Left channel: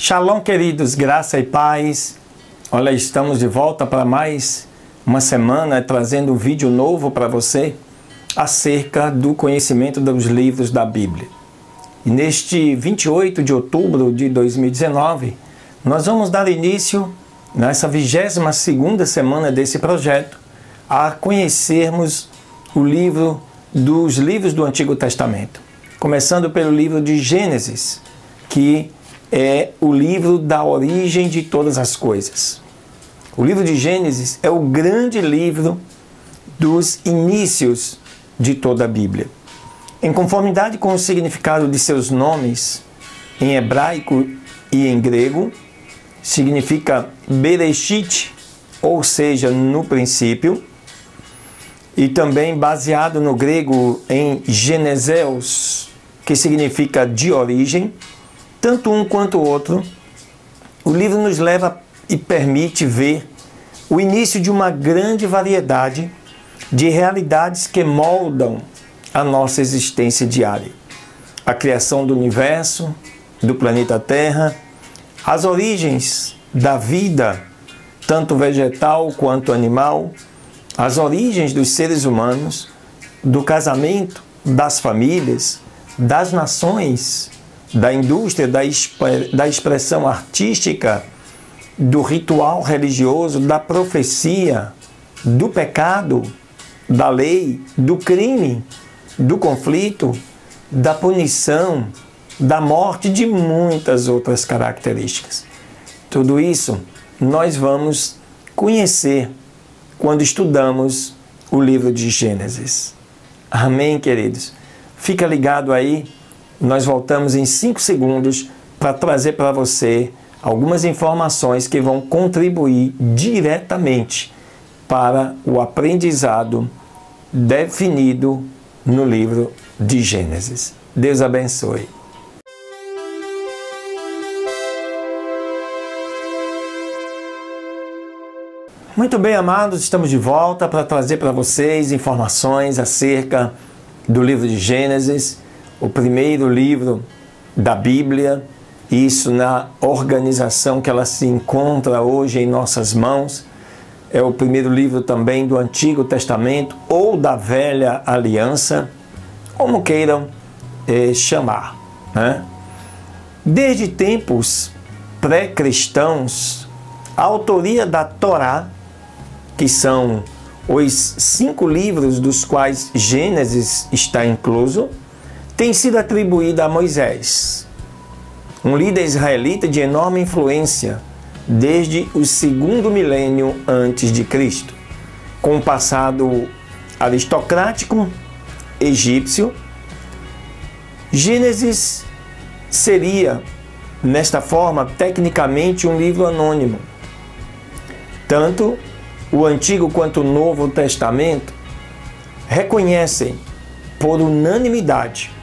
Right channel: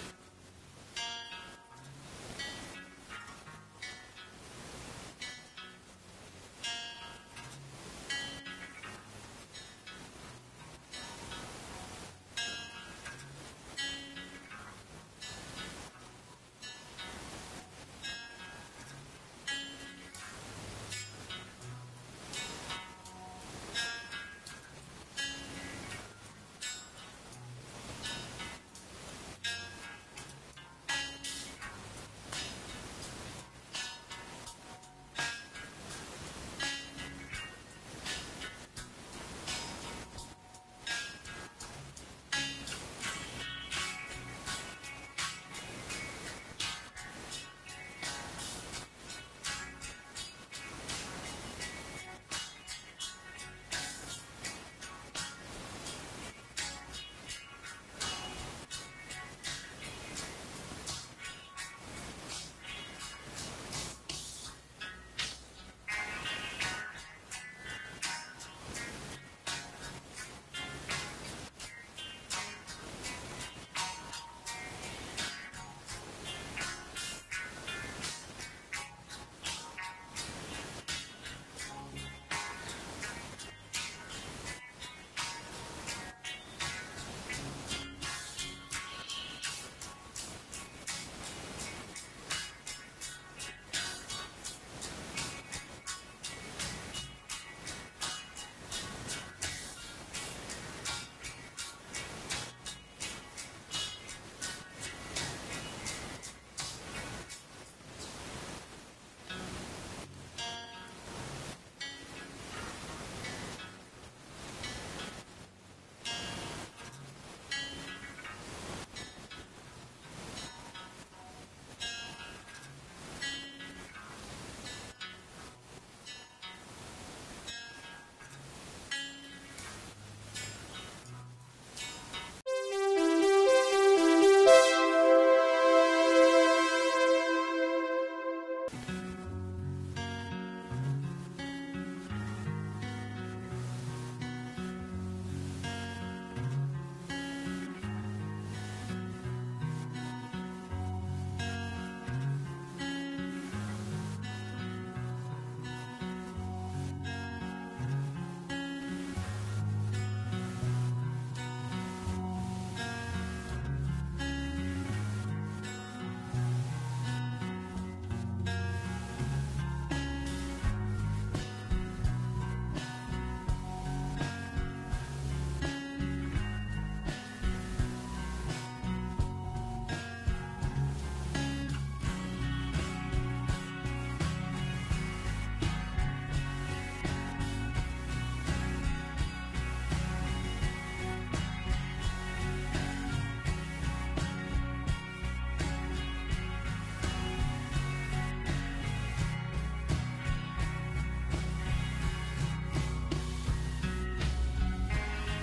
Shalom, queridos, graça e paz. Olha, estamos de volta para mais uma semana trazendo um vídeo novo para você acerca do conhecimento dos livros da Bíblia. E neste 28 de outubro de 2019, nós vamos dar início, nessa 22ª semana desse projeto, a conhecermos dos livros do Antigo Testamento. Começando pelo livro de Gênesis, que é o livro da origem de todas as coisas. O livro de Gênesis é o grande livro dos inícios de toda a Bíblia. Em conformidade com o significado de seus nomes, em hebraico e em grego, significa Bereshit, ou seja, no princípio, e também baseado no grego em Geneseos, que significa de origem. Tanto um quanto o outro, o livro nos leva e permite ver o início de uma grande variedade de realidades que moldam a nossa existência diária. A criação do universo, do planeta Terra, as origens da vida, tanto vegetal quanto animal, as origens dos seres humanos, do casamento, das famílias, das nações, da indústria, da expressão artística, do ritual religioso, da profecia, do pecado, da lei, do crime, do conflito, da punição, da morte, de muitas outras características. Tudo isso nós vamos conhecer quando estudamos o livro de Gênesis. Amém, queridos? Fica ligado aí. Nós voltamos em 5 segundos para trazer para você algumas informações que vão contribuir diretamente para o aprendizado definido no livro de Gênesis. Deus abençoe. Muito bem, amados, estamos de volta para trazer para vocês informações acerca do livro de Gênesis, o primeiro livro da Bíblia, isso na organização que ela se encontra hoje em nossas mãos. É o primeiro livro também do Antigo Testamento ou da Velha Aliança, como queiram chamar, né? Desde tempos pré-cristãos, a autoria da Torá, que são os 5 livros dos quais Gênesis está incluso, tem sido atribuída a Moisés, um líder israelita de enorme influência desde o 2º milênio antes de Cristo, com um passado aristocrático egípcio. Gênesis seria, nesta forma, tecnicamente um livro anônimo. Tanto o Antigo quanto o Novo Testamento reconhecem por unanimidade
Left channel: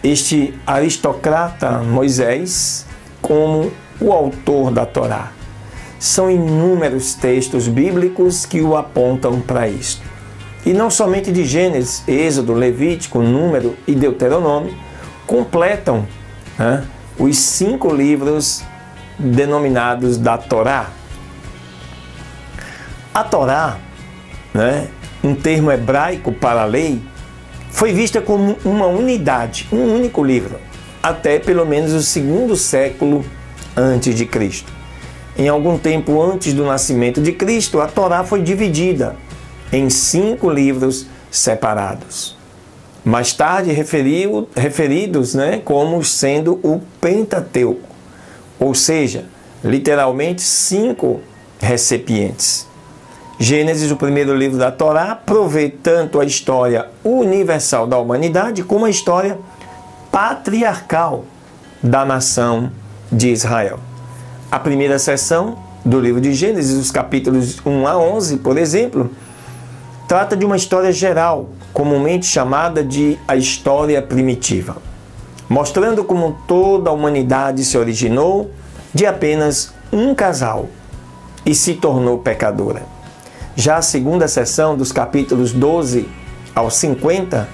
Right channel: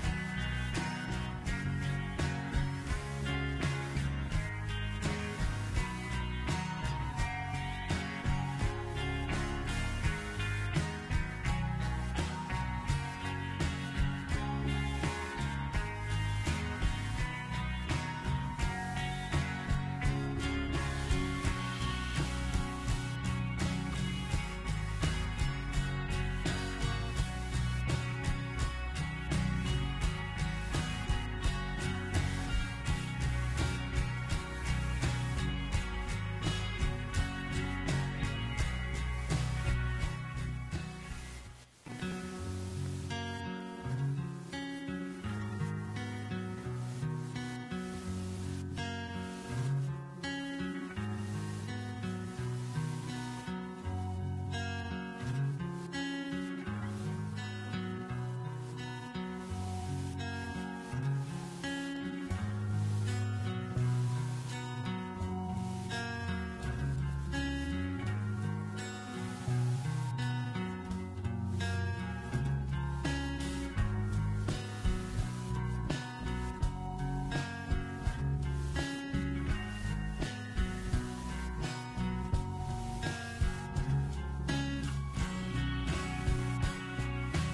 este aristocrata Moisés como o autor da Torá. São inúmeros textos bíblicos que o apontam para isto. E não somente de Gênesis, Êxodo, Levítico, Número e Deuteronômio completam os 5 livros denominados da Torá. A Torá, um termo hebraico para a lei, foi vista como uma unidade, um único livro, até pelo menos o 2º século antes de Cristo. Em algum tempo antes do nascimento de Cristo, a Torá foi dividida em 5 livros separados. Mais tarde referidos como sendo o Pentateuco, ou seja, literalmente 5 recipientes. Gênesis, o primeiro livro da Torá, provê tanto a história universal da humanidade como a história patriarcal da nação de Israel. A primeira seção do livro de Gênesis, os capítulos 1 a 11, por exemplo, trata de uma história geral, comumente chamada de a história primitiva, mostrando como toda a humanidade se originou de apenas um casal e se tornou pecadora. Já a segunda seção, dos capítulos 12 ao 50,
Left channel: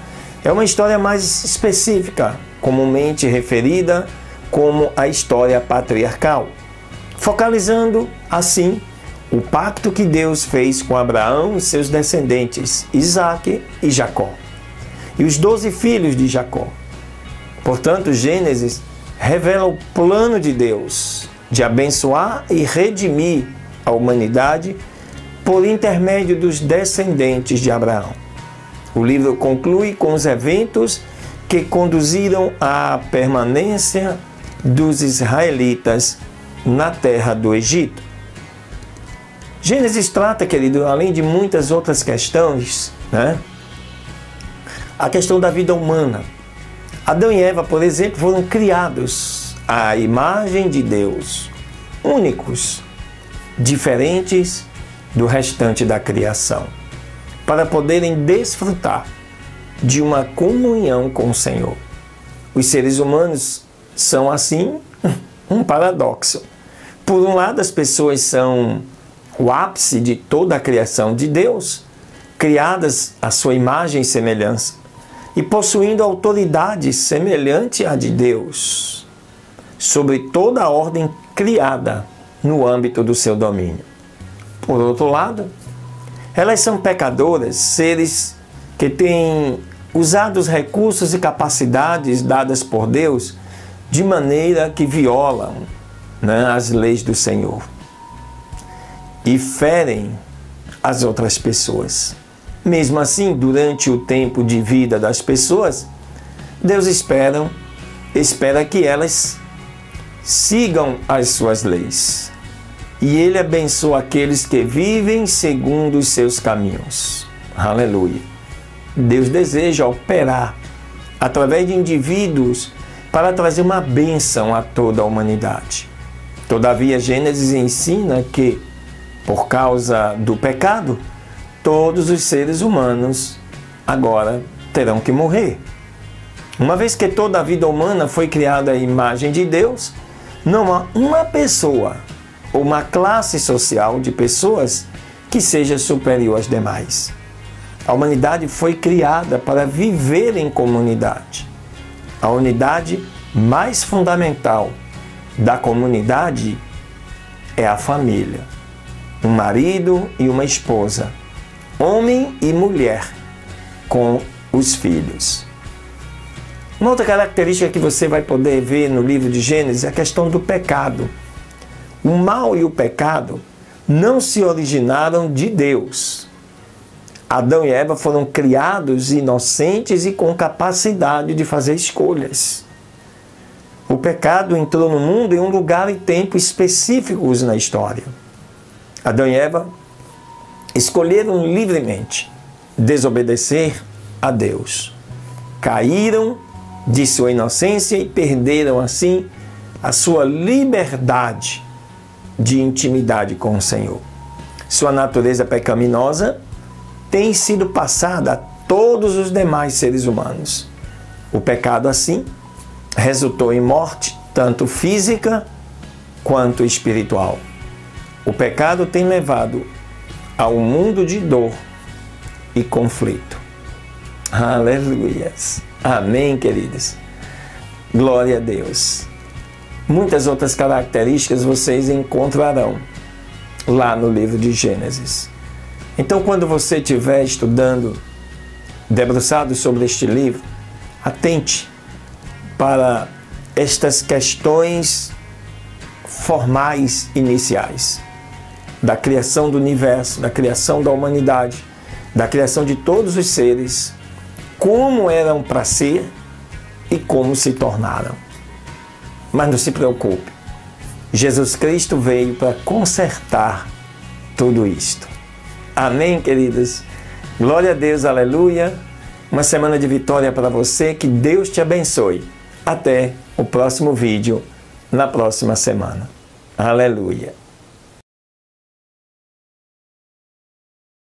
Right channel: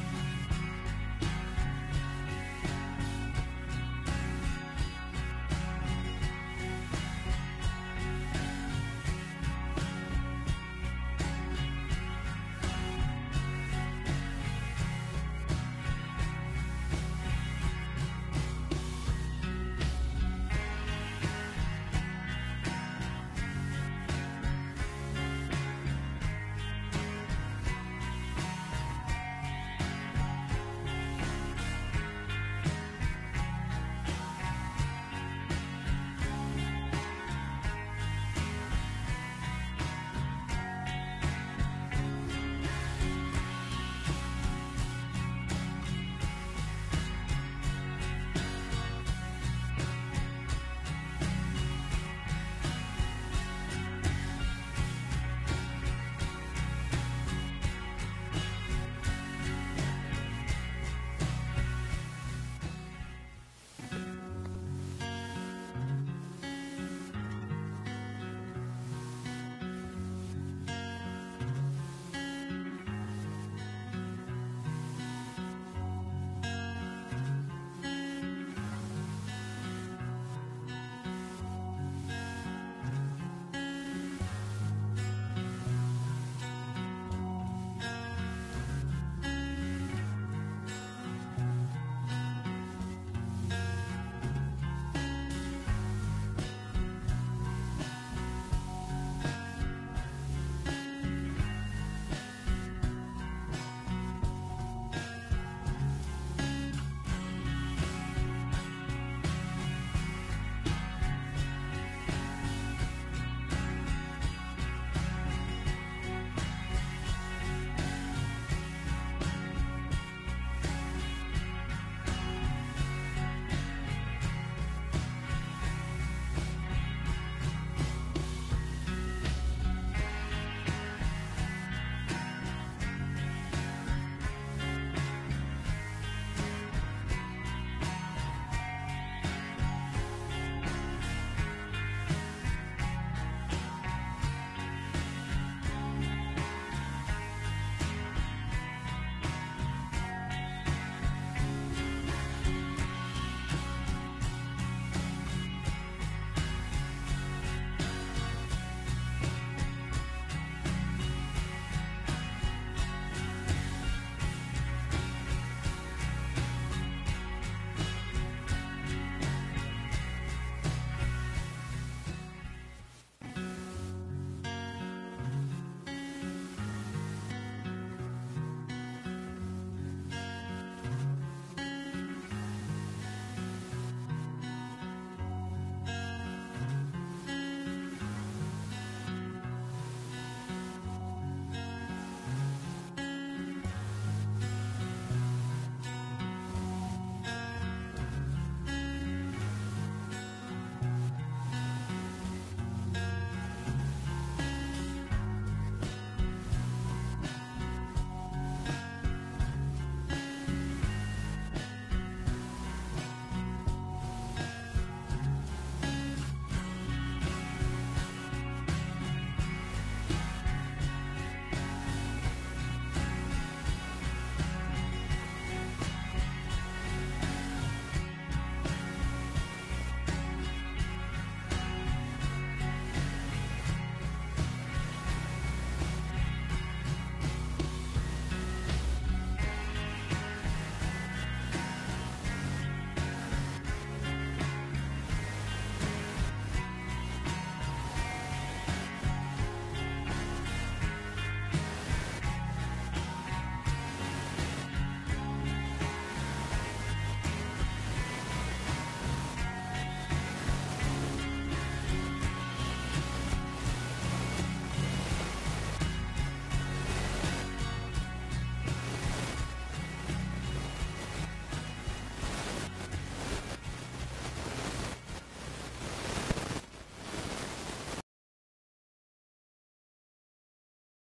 é uma história mais específica, comumente referida como a história patriarcal, focalizando, assim, o pacto que Deus fez com Abraão e seus descendentes, Isaque e Jacó, e os 12 filhos de Jacó. Portanto, Gênesis revela o plano de Deus de abençoar e redimir a humanidade por intermédio dos descendentes de Abraão. O livro conclui com os eventos que conduziram à permanência dos israelitas na terra do Egito. Gênesis trata, querido, além de muitas outras questões, a questão da vida humana. Adão e Eva, por exemplo, foram criados à imagem de Deus, únicos, diferentes do restante da criação, para poderem desfrutar de uma comunhão com o Senhor. Os seres humanos são, assim, um paradoxo. Por um lado, as pessoas são o ápice de toda a criação de Deus, criadas à sua imagem e semelhança, e possuindo autoridade semelhante à de Deus sobre toda a ordem criada no âmbito do seu domínio. Por outro lado, elas são pecadoras, seres que têm usado os recursos e capacidades dadas por Deus de maneira que violam as leis do Senhor e ferem as outras pessoas. Mesmo assim, durante o tempo de vida das pessoas, Deus espera que elas sigam as suas leis. E Ele abençoa aqueles que vivem segundo os seus caminhos. Aleluia! Deus deseja operar através de indivíduos para trazer uma bênção a toda a humanidade. Todavia, Gênesis ensina que, por causa do pecado, todos os seres humanos agora terão que morrer. Uma vez que toda a vida humana foi criada à imagem de Deus, não há uma pessoa ou uma classe social de pessoas que seja superior às demais. A humanidade foi criada para viver em comunidade. A unidade mais fundamental da comunidade é a família. Um marido e uma esposa, homem e mulher, com os filhos. Uma outra característica que você vai poder ver no livro de Gênesis é a questão do pecado. O mal e o pecado não se originaram de Deus. Adão e Eva foram criados inocentes e com capacidade de fazer escolhas. O pecado entrou no mundo em um lugar e tempo específicos na história. Adão e Eva escolheram livremente desobedecer a Deus. Caíram de sua inocência e perderam, assim, a sua liberdade de intimidade com o Senhor. Sua natureza pecaminosa tem sido passada a todos os demais seres humanos. O pecado, assim, resultou em morte, tanto física quanto espiritual. O pecado tem levado a um mundo de dor e conflito. Aleluias! Amém, queridos? Glória a Deus! Muitas outras características vocês encontrarão lá no livro de Gênesis. Então, quando você estiver estudando, debruçado sobre este livro, atente para estas questões formais iniciais da criação do universo, da criação da humanidade, da criação de todos os seres, como eram para ser e como se tornaram. Mas não se preocupe, Jesus Cristo veio para consertar tudo isto. Amém, queridos? Glória a Deus, aleluia. Uma semana de vitória para você, que Deus te abençoe. Até o próximo vídeo, na próxima semana. Aleluia.